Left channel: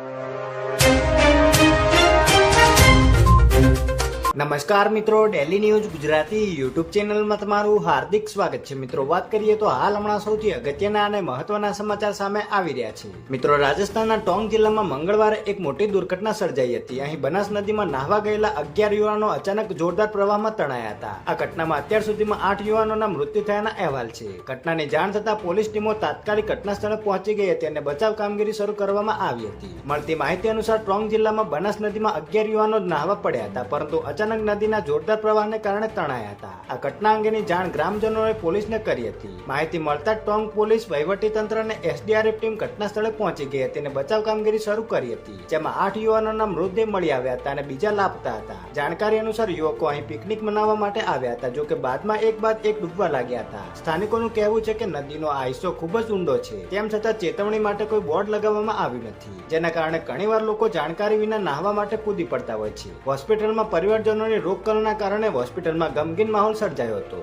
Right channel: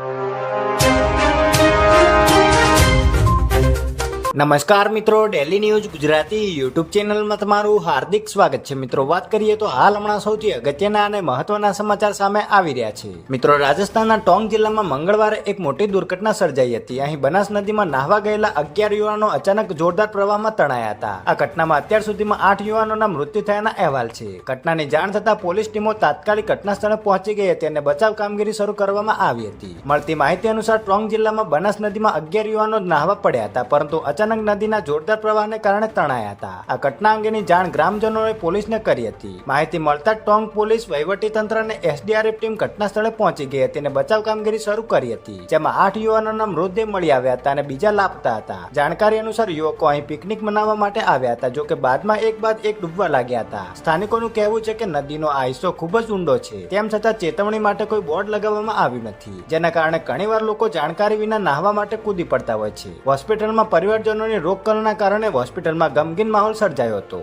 you. નમસ્કાર મિત્રો daily news Gujarati YouTube ચેનલમાં તમારું હાર્દિક સ્વાગત છે. મિત્રો, વાત કરીએ તો હાલ હમણાં સૌથી અગત્યના અને મહત્વના સમાચાર સામે આવી રહ્યા છે. મિત્રો, રાજસ્થાનના ટોંગ જિલ્લામાં મંગળવારે એક મોટી દુર્ઘટના સર્જાઈ હતી. અહીં બનાસ નદીમાં નાહવા ગયેલા અગિયાર યુવાનો અચાનક જોરદાર પ્રવાહમાં તણાયા હતા. આ ઘટનામાં અત્યાર સુધીમાં આઠ યુવાનોના મૃત્યુ થયાના અહેવાલ છે. ઘટનાની જાણ થતાં પોલીસ ટીમો તાત્કાલિક ઘટના સ્થળે પહોંચી ગઈ હતી અને બચાવ કામગીરી શરૂ કરવામાં આવી હતી. મળતી માહિતી અનુસાર ટોંગ જિલ્લામાં બનાસ નદીમાં અગિયાર યુવાનો નાહવા પડ્યા હતા, પરંતુ અચાનક નદીના જોરદાર પ્રવાહને કારણે તણાયા હતા. આ ઘટના અંગેની જાણ ગ્રામજનોએ પોલીસને કરી હતી. માહિતી મળતા ટોંગ પોલીસ તંત્ર અને એસડીઆરએફ ટીમ ઘટના સ્થળે પહોંચી ગઈ હતી અને બચાવ કામગીરી શરૂ કરી હતી, જેમાં આઠ યુવાનોના મૃતદેહ મળી આવ્યા હતા અને બીજા લાપતા હતા. જાણકારી અનુસાર યુવકો અહીં પિકનિક મનાવવા માટે આવ્યા હતા, જોકે બાદમાં એક બાદ એક ડૂબવા લાગ્યા હતા. સ્થાનિકોનું કહેવું છે કે નદીનો આ હિસ્સો ખૂબ જ ઊંડો છે. તેમ છતાં ચેતવણી માટે કોઈ બોર્ડ લગાવવામાં આવ્યું નથી, જેના કારણે ઘણીવાર લોકો જાણકારી વિના નાહવા માટે કૂદી પડતા હોય છે. હોસ્પિટલમાં પરિવારજનોની રોગકલના કારણે હોસ્પિટલમાં ગમગીન માહોલ સર્જાયો હતો.